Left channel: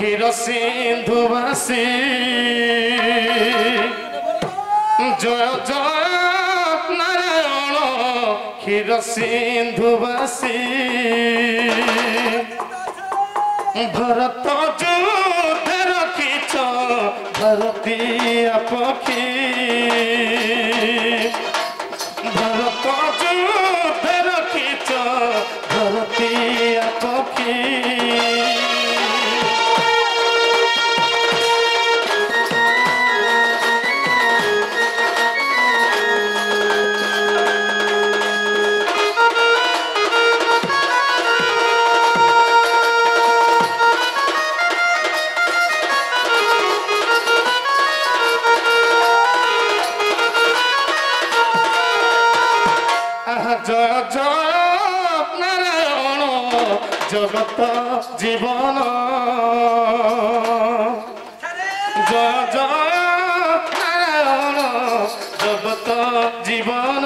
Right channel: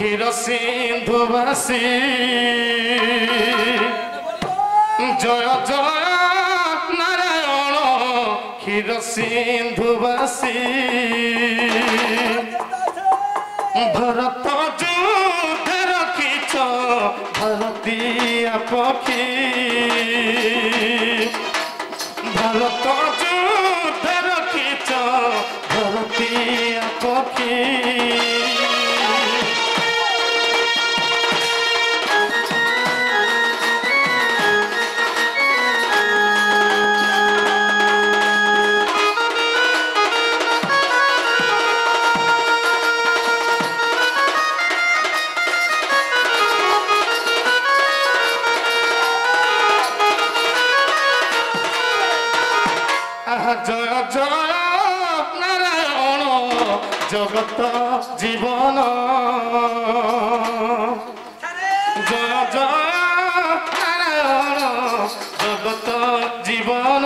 ক্ষীর সিন্ধুবাসী জয় জয় নারায়ণ ক্ষীর সিন্ধুবাসী ভরত যুদ্ধে রখিছ ভারতীয় পক্ষী ভরত যুদ্ধে রখিছ ভারতীয় পক্ষী জয় জয় নারায়ণ জগত জীবন জয় জয় নারায়ণ জগত জীবন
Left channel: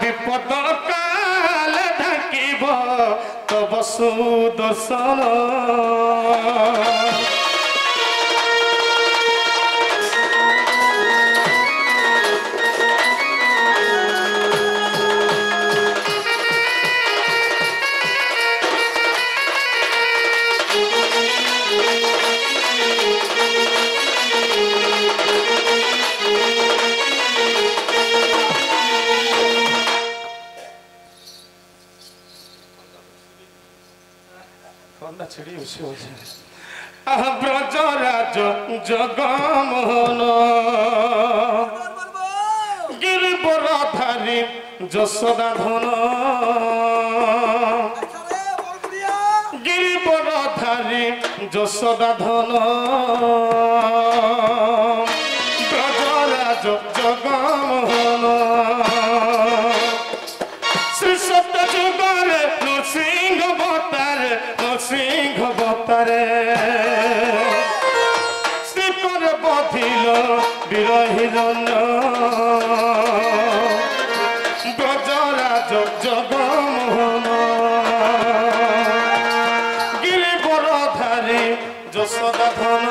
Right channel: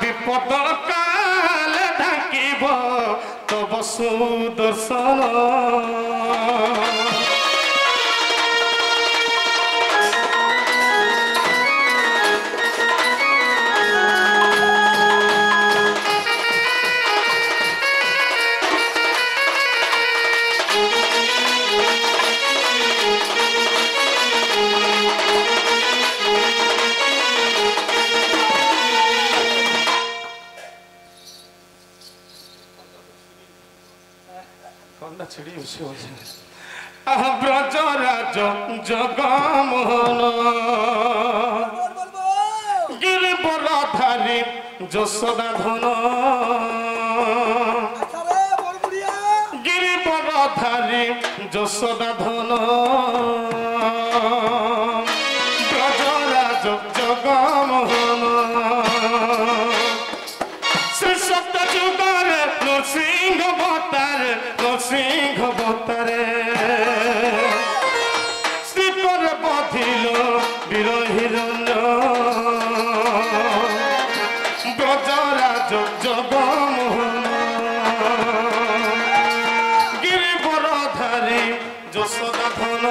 বিপদ কালে ঢাকিব তব সুদর্শন ব্রজরাজ জগমোহন গিরিবরধারী যশোদা ধন গিরিবরধারী যশোদা ধন ব্রজরাজ জগমোহন শ্রী সত্য যুগরে নৃসিংহ অবতারে নৃসিংহ অবতারে শ্রীকরে বধিল বীর হিরণ্য ব্রজরাজ জগমোহন গিরিবরধারী যশোদা ধন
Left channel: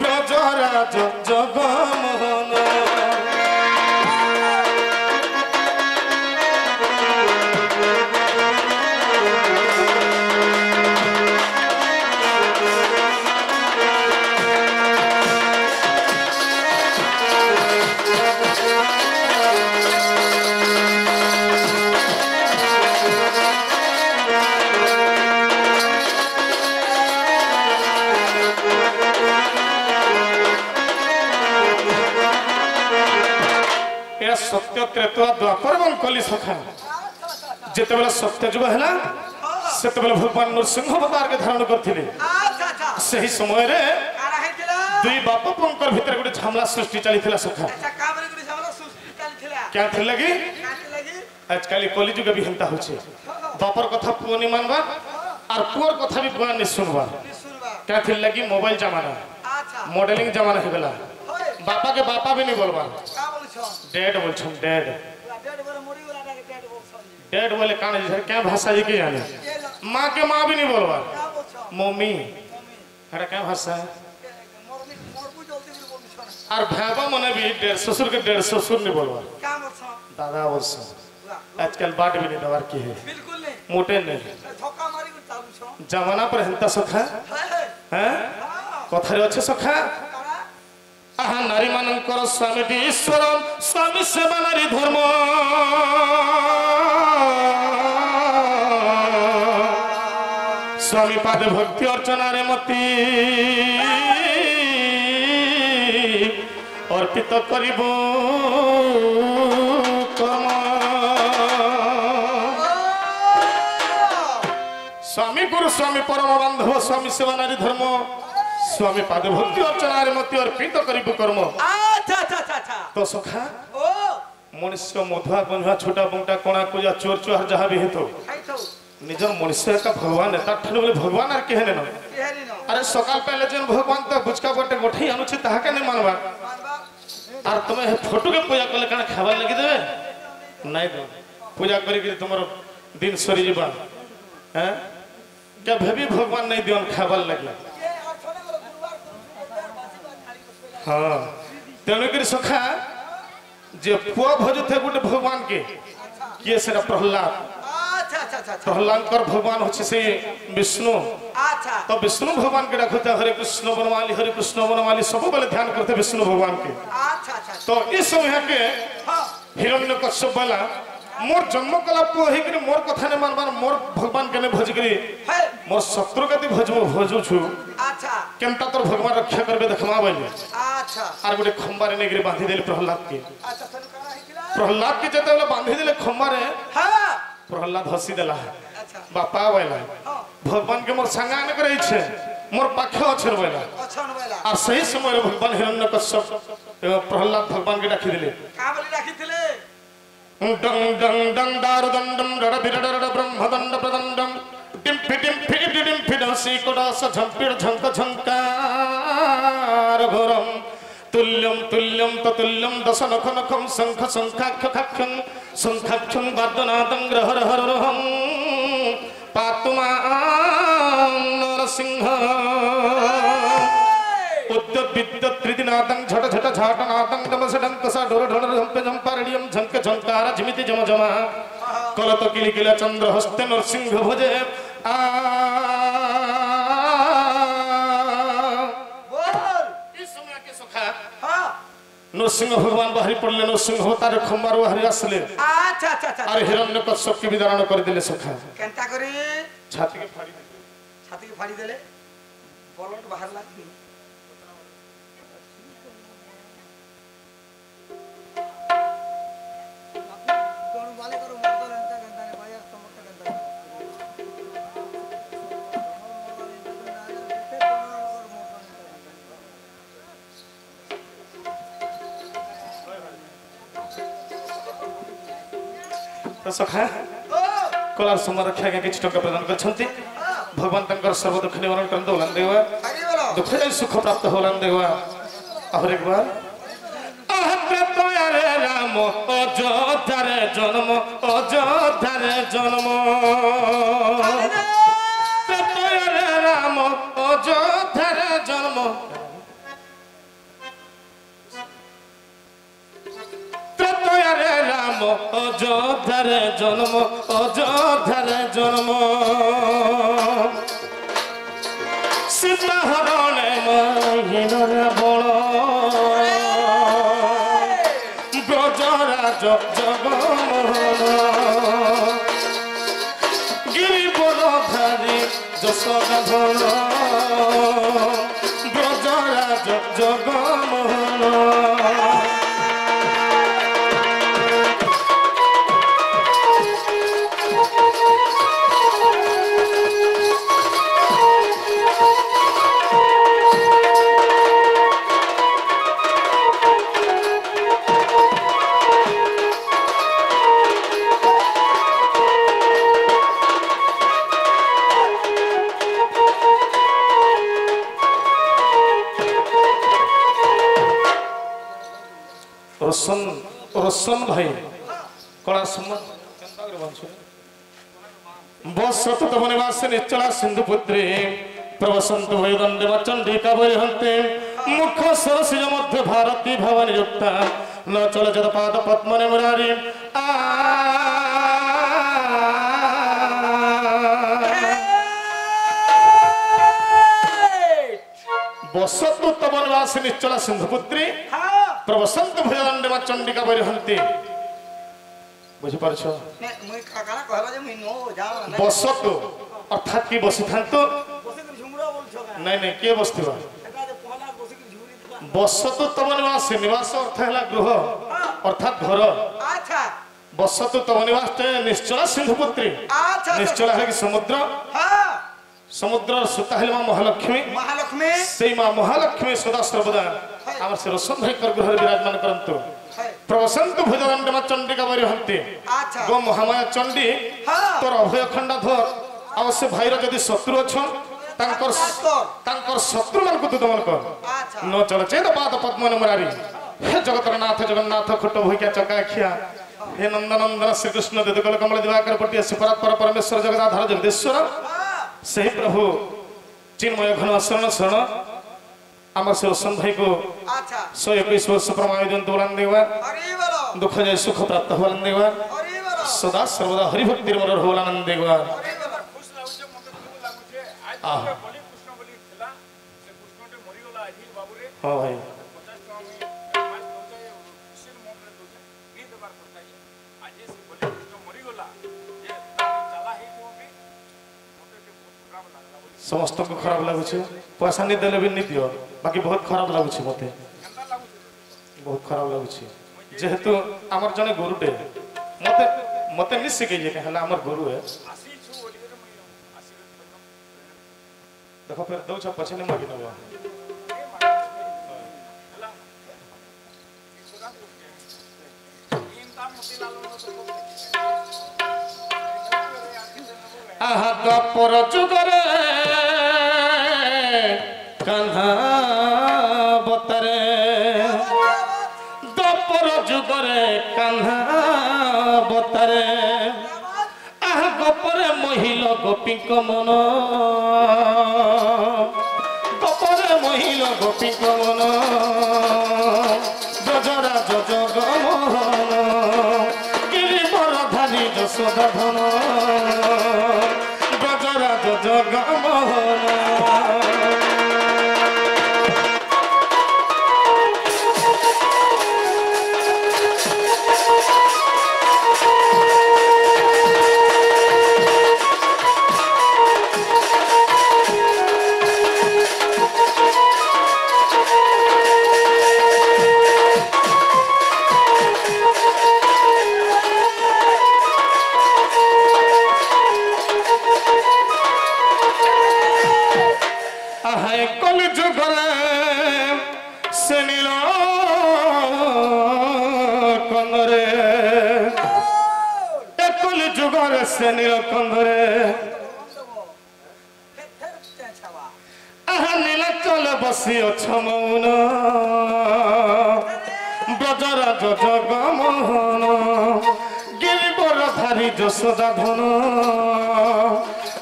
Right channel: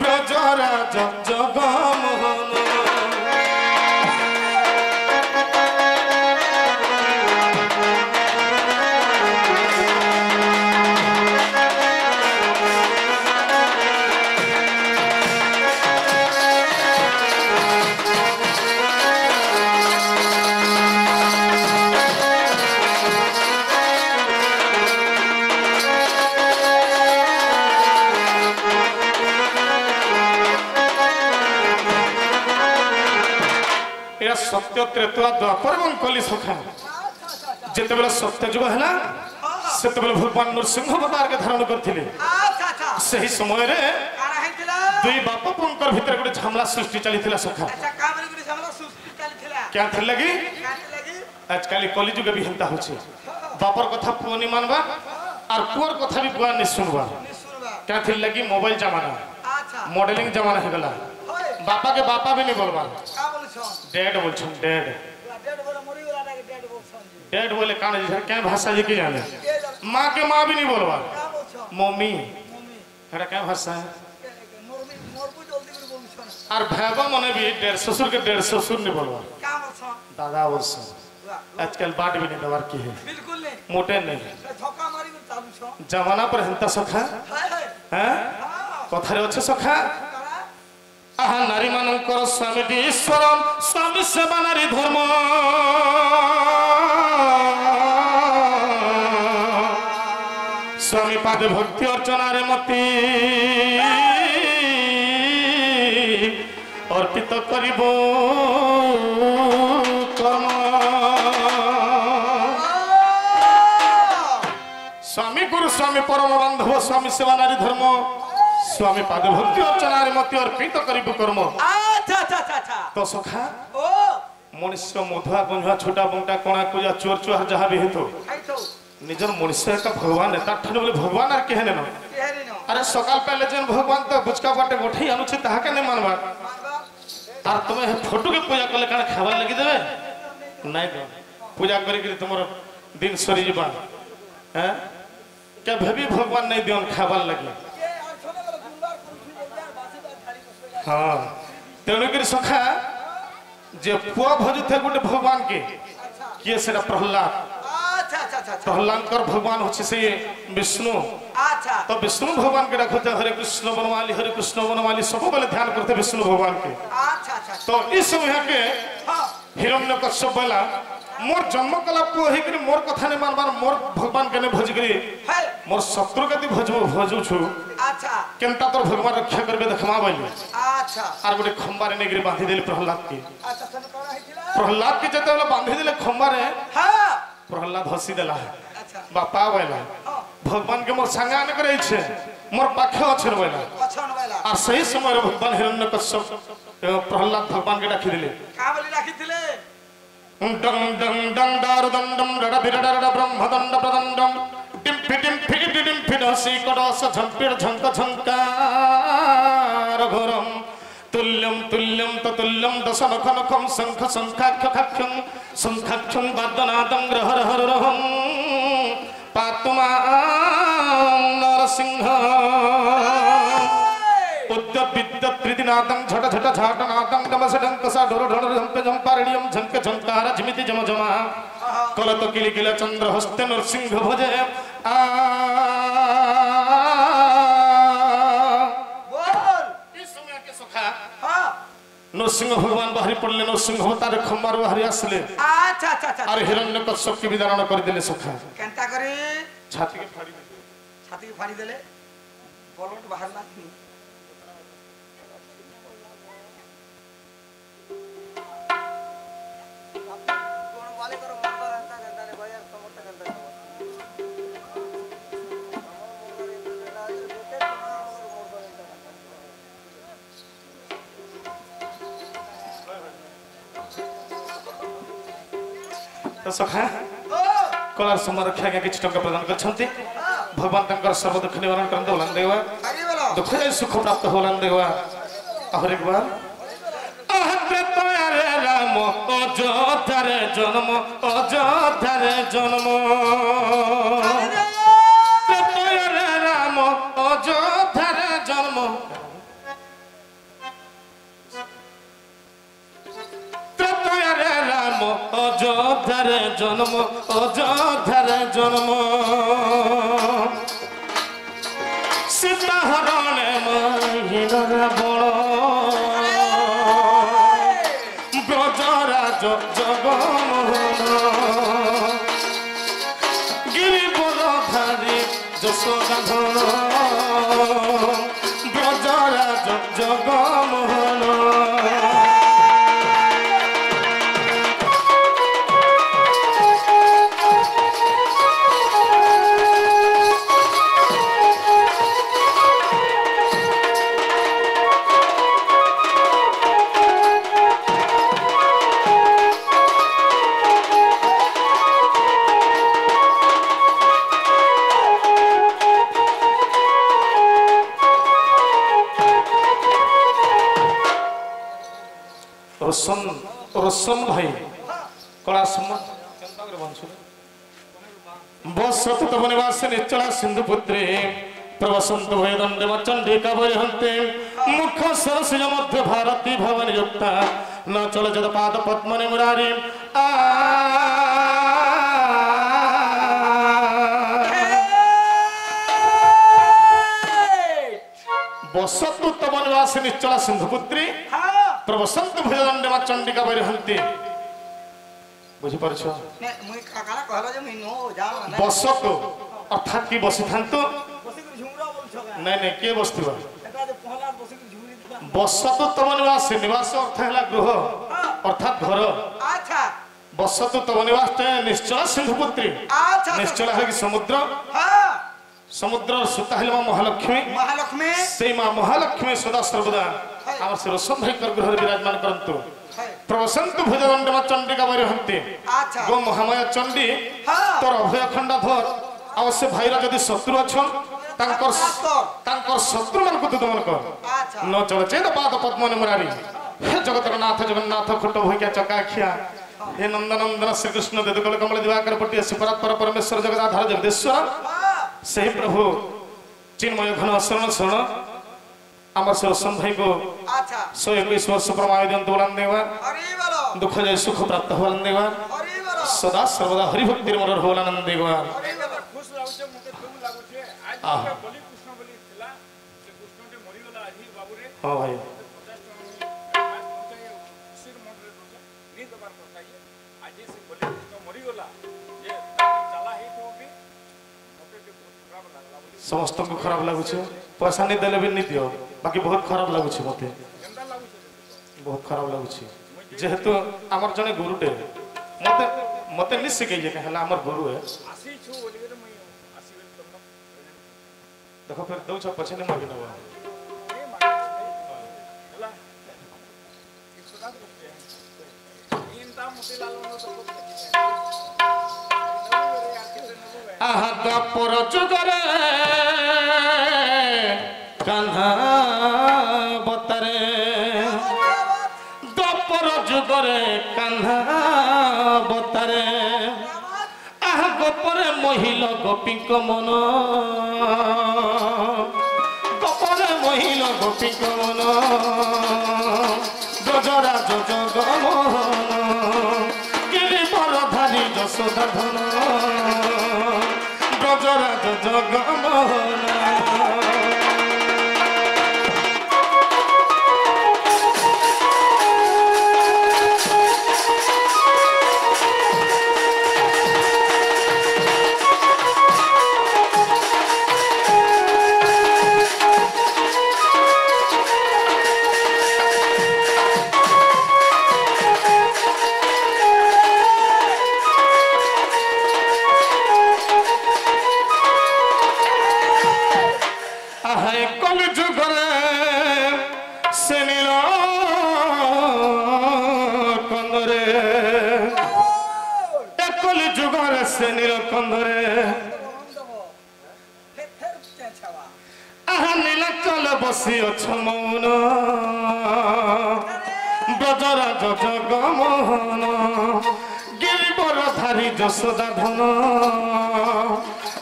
ব্রজরাজ জগমোহন सत्य त्रेतुआ द्वापर एवं कली सखा जिते बेला सत्य जुग है से भगवान नृसिंह अवतार के धारण करथिले सही समय रे दुई बाप पंकर भीतर गोटे झमला सृष्टि चली सखा क्या थी लगी आजकल कली जुग भी हेंता होचे बापर कथा पुओ नहीं मानबा और पुअर कथा भी बुआ नहीं सुनबा क्या थी लगी मोबाइल जमाना मॉडलिंग जमाना है गला बापा के बापा भी नहीं बोलबा डेड बोल छम डेड डेड बोले कान जी क्या भाषा ये की जाने माँ के माँ भी नहीं बोलबा मम्मी अरे क्या भाषा है और भाबा मने भी डेढ़ ससुर के डेढ़ ससुर नहीं बोलबा दादा बोल आजकल बाट भी नहीं दवार की है मोटे नहीं जमाना पर हिंता सखा हैं कथारे अच्छे सखा आहा नारी मानकर स्वामी ईश्वर स्वामी सेवा नारी धर्म स्वामी पादे भक्ति अर्चना रे मती अर्पित करिबो कर्म स्वामी गुरु स्वामी परम बांधव स्वामी सेवा नारी धर्म स्वामी पाद भक्ति अर्चना मत अर्पित करिबो कर्म तो सखा मनुष्य मधुआ गंझुआ छोटा बंटा कोणा को चोर चुहार जहाँ भी हेतु निजर मनुष्य का भगवान है ताठन बोले भगवान आर के हेने न अरे सकाल पहले जन भगवान तो बुचका बाटे गोठई आनुछि ताहा के नहीं मानबा आर तुमे फोटो के पूजा करले काना खाबार लगी देबे नहीं दो पूजा करी तुमर दिन सरी जीवा हैं केभे भी भगवान नहीं दियन खाबार लगे हाँ तेणुक सखा जे पुआ भजु थे गोटे भगवान के किए से प्रहलाद प्रहलाद भगवान होचे से विष्णु तो विष्णु भगवान के डाकुते हरे कृष्ण बनमाली सब बेले ध्यान करते विष्णु भगवान के तो इस समय के हिरण्यकश्यप बोला मोर जन्म कला पुआ हे मोर कथा ने मानबार मोर भगवान के ने भज करी मोर शत्रु के भजु छु केनता तोर भगवान रक्षा करबे देखमा बोली आर गोटे खंबारे ने गिरी बांधी देले प्रहलाद के प्रहलाद के जते वाला बांधी देले खंबारे प्रहलाद हसी देला बापा बोला भगवान के मोर संगा ने करे छे मोर पाखे अछर बोला आ सही समय भगवान हिरण्यकश्यप प्रहलाद भगवान के डाकी दिले का बोली डाकी दिले डंग डंग डंग दारु दंडम डड बिरड ब्रह्म दंड प्रदंडम डिम फिडसी कड़स झंपिर झंक झंकार घोरम तुल्यम तुल्यम ततुल्यम दशन खनखम शंख शंखाक्षं वादनादं ग्रहर हरहं पातुमा नरसिंह उद्यत विद्यत प्रीतिनादं झट झट झाटनादं डमसडं कसा ढोर ढोर झंपे झंपारणियं झंक झंकार झिमिति जम जमा कलत किलिकिला चंद्र हस्ते नरसिंह भजे नरसिंह भगवान बाहरी पड़ले नरसिंह अवतार खंबार बाहरी आसले अरे हिरण्यकश्यप के विदारण कर दिले सखा केनता करी छाती के फाड़ी देले बलट बाहर ला सखा कलार समर रक्षा के किछ टंका प्रदान करछंती भगवान तंकर सर्व दुख निवारण करन दोलन देवा दुख जाय सुख प्राप्त होलन देवा और एक बार आहते तो रे राम अयोध्या रे जन्म अयोध्या रे जन्म तो रे राम अयोध्या रे जन्म अयोध्यारे जन्म अयोध्यारे जन्म सीता हरणे महिन रावण ब्रजराज जगमोहन गिरिवरधारी यशोधन ब्रजराज जगमोहन रसन भाई कला बसत तब निवास निश्चला सिंधु पुत्री प्रवसंत वैदंडे चंडिका वैहंते मुख सरसिज मध्य भारती भवन युक्ता न चल जद पाद पद्मने मुरारी बसत तब निवास निश्चला सिंधु पुत्री प्रवसंत भयदंडे चंडिका वैहंती बुझी पारछ ने मुई काकाला कहला जे मी नो जाओ ना बसत अर्थात की बसी थांतो बसी के झुमरा बोल छ नहीं के बसथिबा एटा जे पहला बसी के झुरी दिबा बसत तब निवास निवास अर्थ हैला गृह अर्थात घर अच्छा बसत तब निवास निश्चला सिंधु पुत्री अच्छा निश्चला है कि समुद्र हां समुद्र सुता है मां महालक्ष्मी से मां महालक्ष्मी सदा सर्वदा आम से रसंधय कर गृह विराजमान करंतु प्रवसंत भुजदंड चंडिका वैहंती गो महामाया चंडी तोर अभय खंडा धर अवश्य भाईर जदि शत्रु अछन तांकर शत्रु मान को दमन कर न चल चेत पाद पद्म मुरारी हे जगतर नाथ जगन्नाथ खुट भूकिया चकाखिया हे नंदनंदन श्री कृष्ण देदकल कमल दिवाकर पट्टी शिवरात्पर परमेश्वर जगदाधार जगदीश्वर सही प्रभु चिन्मय घन शरण शरण आम सुरसन भाई को 121 वर्ष प्रमाण दियंतु बोलन देवा दुख जाय सुख प्राप्त होलन देवा सदा सर्वदा हरि भक्ति मर होलानंद देवा हाँ भाई समस्त को खराब लगुचे पैसा नहीं देले भी नहीं दियो बाकी बहुत खराब लगुचे मते बहुत खराब लगुचे जेहेतु हमर जने गुरुटे मते मते नि सिखे जे कहला हमर गुरु है देखो फिर दो छ पछे नहीं मागी नबो आहा द्वापर जुगरे कान्हा बतरे द्वापर जुगरे कान्हा बतरे आहा गोपरे महिल गोपीक मन गोपरे महिल गोपीक मन गजरा जग मोहन गिरिवर धारी यशोदा धन गजराज जग मोहन नीलकंधरे आहा नीलाचल बसी मौन ब्रजराज जग मोहन गिरिवर धारी यशोदा धन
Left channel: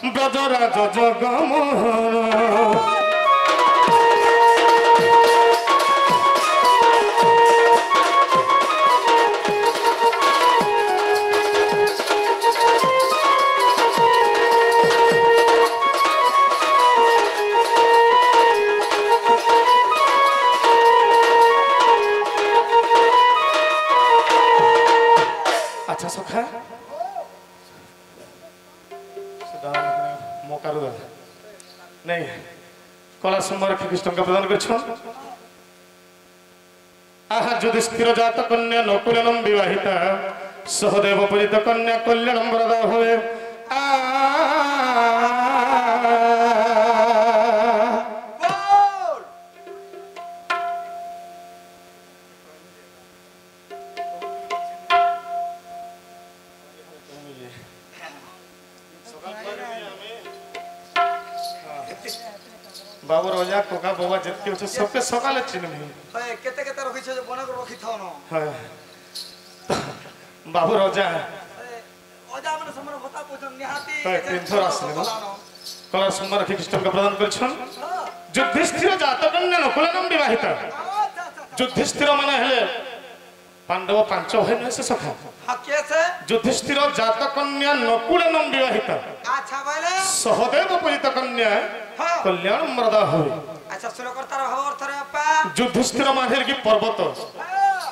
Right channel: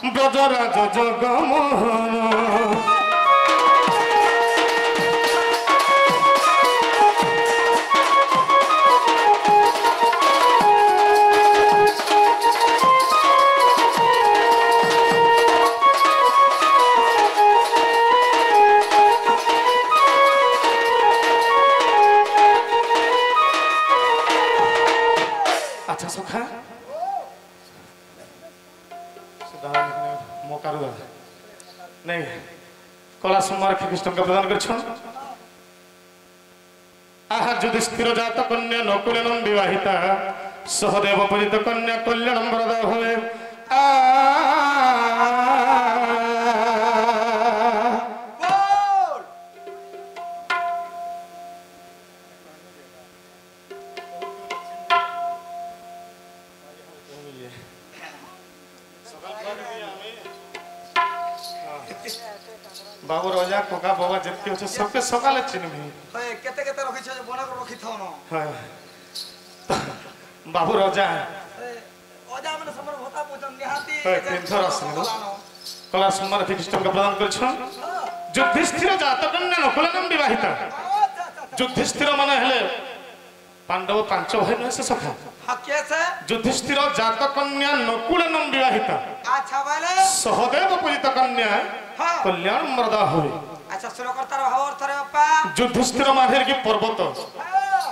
ब्रजराज जग मोहन नहीं कला सुमार कृष्ण का प्रदान कर आहा युधिष्ठिर जात कन्या नकुलेन विवाहिता सहदेव पूजित कन्या कल्याणम वरदा हुए बाबू रोजा कोका बाबा जितके उठे सबके सकाले चिन्ह है केते केते रखि छ जे बना को रखि थनो है बाबू रोजा ओजा मन समर होता पोजन निहाती है तीनथर आसने कला सुमार कृष्ण का प्रदान कर छ युधिष्ठिर जात कन्या नकुलेन विवाहिता युधिष्ठिर माने हेले पांडव पांच भाई न से सखा हां कैसे युधिष्ठिर जात कन्या नकुलेन विवाहिता अच्छा वाले सहदेव पूजित कन्या कल्याण मरदा हुए अच्छा सुनो करतार भाव अर्थ रे बापा युधिष्ठिर मानेर की पर्वत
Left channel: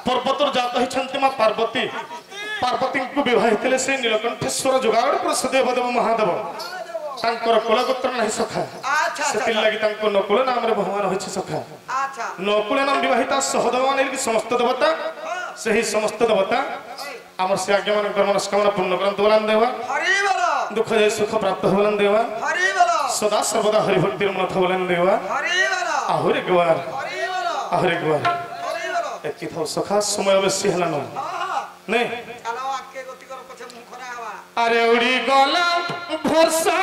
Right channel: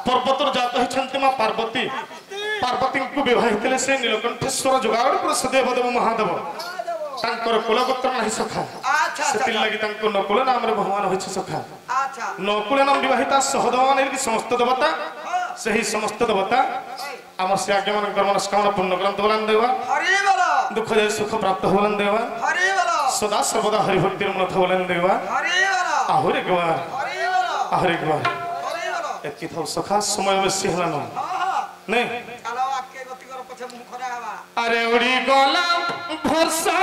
पर्वतर जात है छंती मां पार्वती पार्वती को विवाहितले से नीलकंठेश्वर जुगाड़ पर सदेव देव महादेव तांकर कुलगोत्र नहीं सखा अच्छा सेति लागि तांको नकुल नाम रे भगवान होई छ सखा अच्छा नकुल नाम विवाहिता सहदेव मानेर की समस्त देवता सही समस्त देवता आम से आज्ञा मन कर्म मनस्कामना पूर्ण करंत बोलन देवा हरि बोलो दुख जे सुख प्राप्त होलन देवा हरि बोलो सदा सर्वदा हरि भक्ति मन बोलन देवा हरि बोलो आहुरे गवार हरि बोलो आहुरे गवार हरि बोलो एतकी थाउ सखा समय अवश्य हला न नहीं चलो आके गति कर पछे मुख खरा हवा अरे उड़ी गला भरसा